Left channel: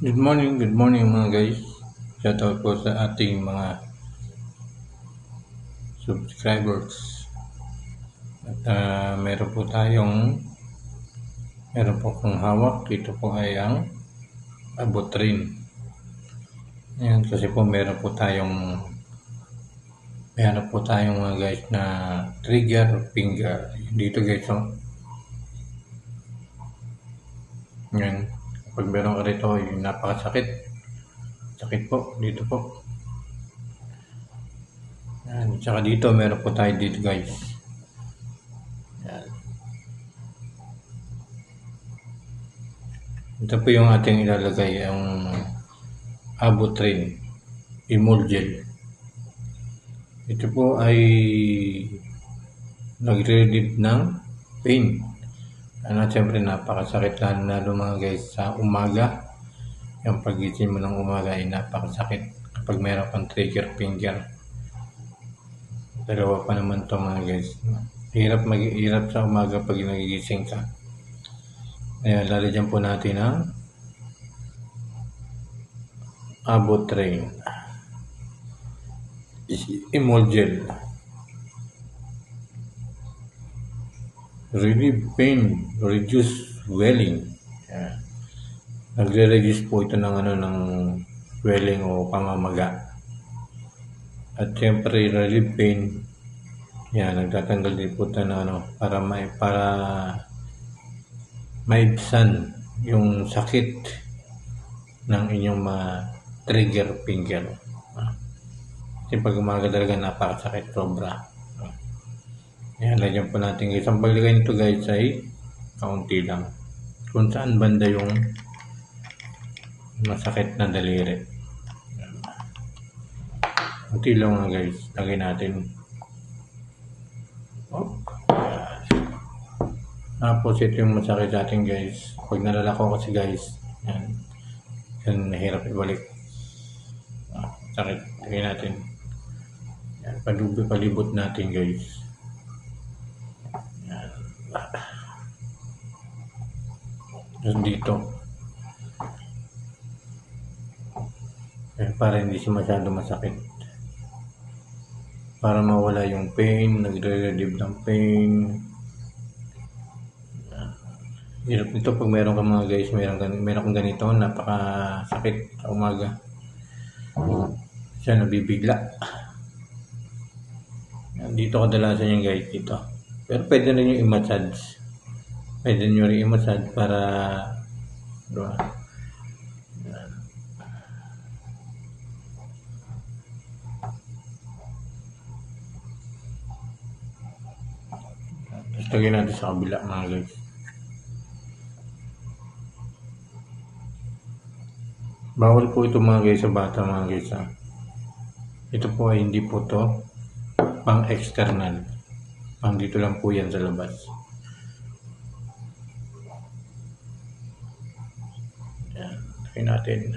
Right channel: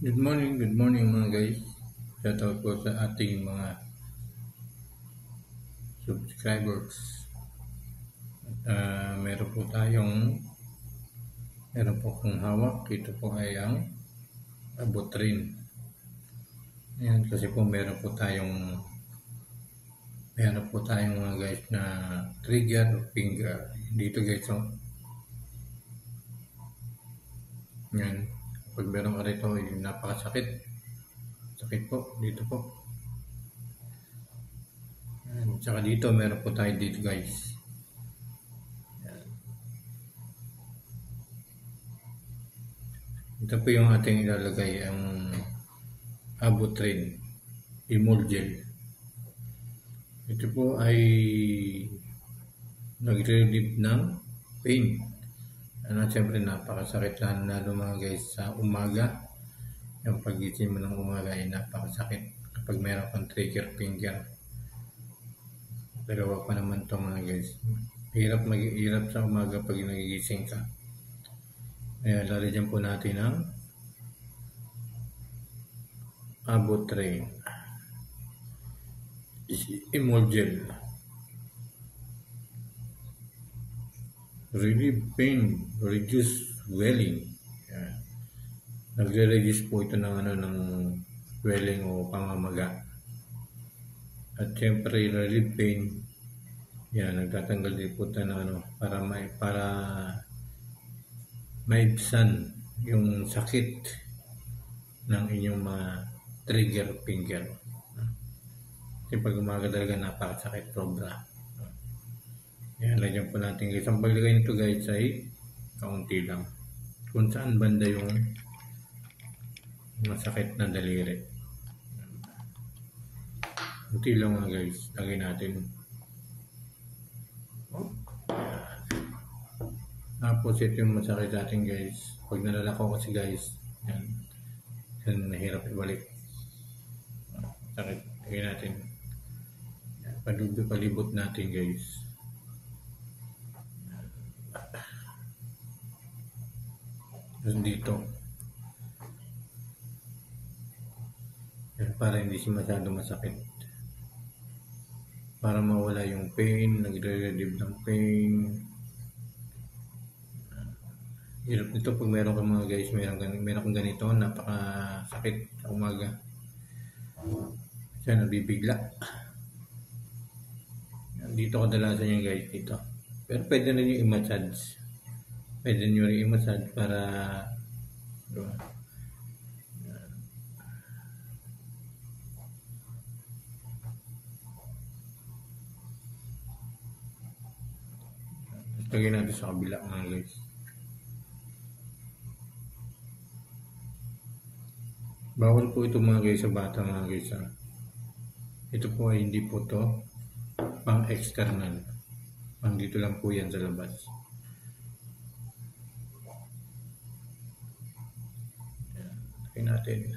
Good morning mga guys. Shoutout po sa ating mga subscribers. At meron po kong hawak. Dito po ay ang abotrin. Ayan, kasi po meron po tayong mga guys na trigger finger. Dito guys, oh. Ayan. Kapag meron ka rito, yung napakasakit. Sakit po, dito po. Ayan. Tsaka dito, meron po tayo dito guys. Ayan. Ito po yung ating ilalagay, ang abotrin Emulgel. Ito po ay nagre-relieve ng pain. Siyempre napakasakit lalo mga guys sa umaga. Yung pagising mo ng umaga ay napakasakit kapag meron kang trigger finger. Dalawa pa naman to mga guys. Hirap sa umaga pag nagigising ka. Ayan, lalagyan po natin ang Abotrin Emulgel. Relieve pain, reduce swelling. Ayan. Nagre-reduce po ito ng swelling o pamamaga. At siyempre relieve pain. Yan, nagtatanggal din po ito para maibsan yung sakit ng inyong trigger finger. Kasi pag umaga talaga napakasakit sobra. Yan, lagyan po natin guys. Ang paglagay nito guys ay kaunti lang. Kung saan banda yung masakit na daliri. Kaunti lang nga guys. Lagay natin. Tapos ito yung masakit sa atin guys. Pag nalalako kasi guys. Yan. Yan, nahirap ibalik. Sakit. Lagay natin. Yan, palibot natin guys. Tapos dito. Para hindi siya masyado masakit. Para mawala yung pain, nagre-relieve ng pain. Hirap nito pag meron ka mga guys, meron kang ganito, napakasakit sa umaga. Siya nabibigla. Dito kadalasan yung guys, dito. Pero pwede rin yung i-massage. Pwede nyo rin i-massage para diba? Tapos lagyan natin sa kabila mga guys. Bawal po ito mga guys sa bata mga guys. Ito po ay hindi po to pang external. Pang dito lang po yan sa labas. Yan, lagyan natin.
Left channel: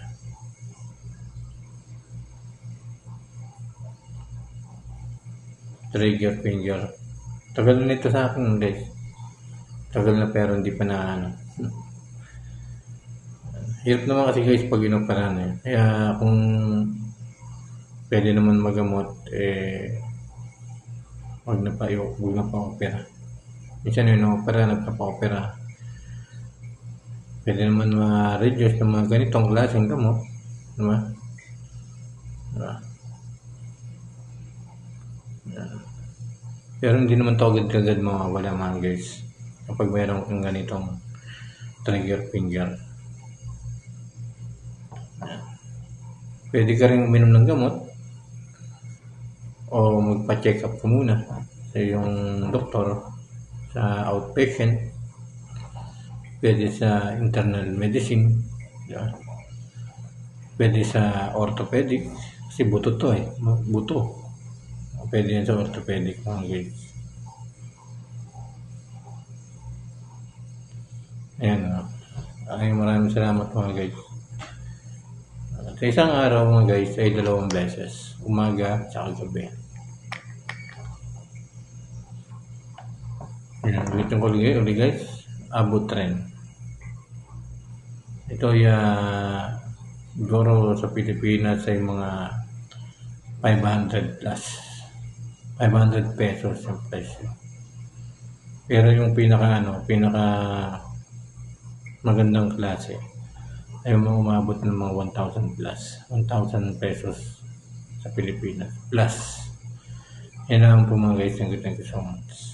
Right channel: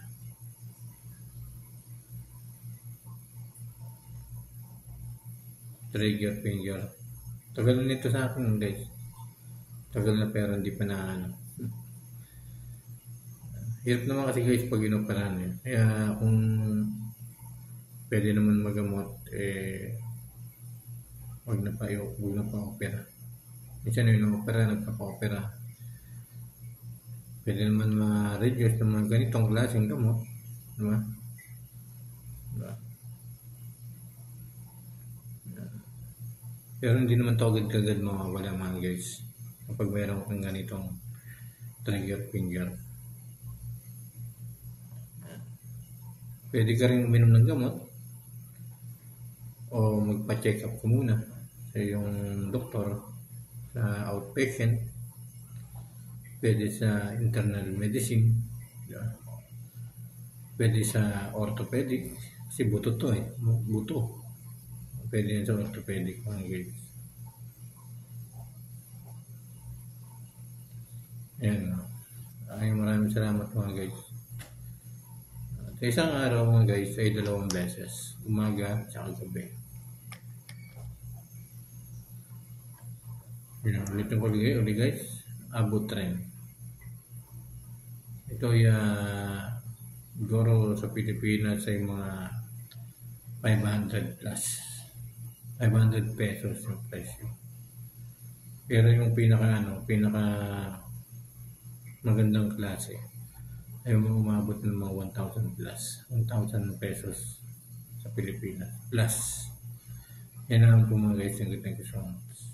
Trigger finger. Tagal na nito sa akin guys. Tagal na pero hindi pa na Hirap naman kasi guys pag inoperan eh. Kaya kung pwede naman magamot wag na pa opera. Minsan opera, nagpapa-opera. Pwede naman ma-reduce ng mga ganitong klaseng gamot. Diba? Pero hindi naman to agad-agad mawawala mga guys. Kapag mayroon kang ganitong trigger finger. Pwede ka rin uminom ng gamot o magpa-check up ka muna sa iyong doktor sa outpatient. Pwede sa internal medicine. Diba? Pwede sa orthopedic kasi buto to buto. Pwede yan sa orthopedic mga guys. Ayan o. Maraming salamat mga guys. Sa isang araw mga guys ay 2 beses. Umaga at gabi. Ayan, ulitin ko ulit guys. Abotrin. Ito ay Siguro sa Pilipinas ay mga 500 plus. 500 pesos yung presyo. Pero yung pinaka magandang klase ay umabot ng mga 1,000 plus. 1,000 pesos sa Pilipinas plus. Yan lang po mga guys. Thank you so much.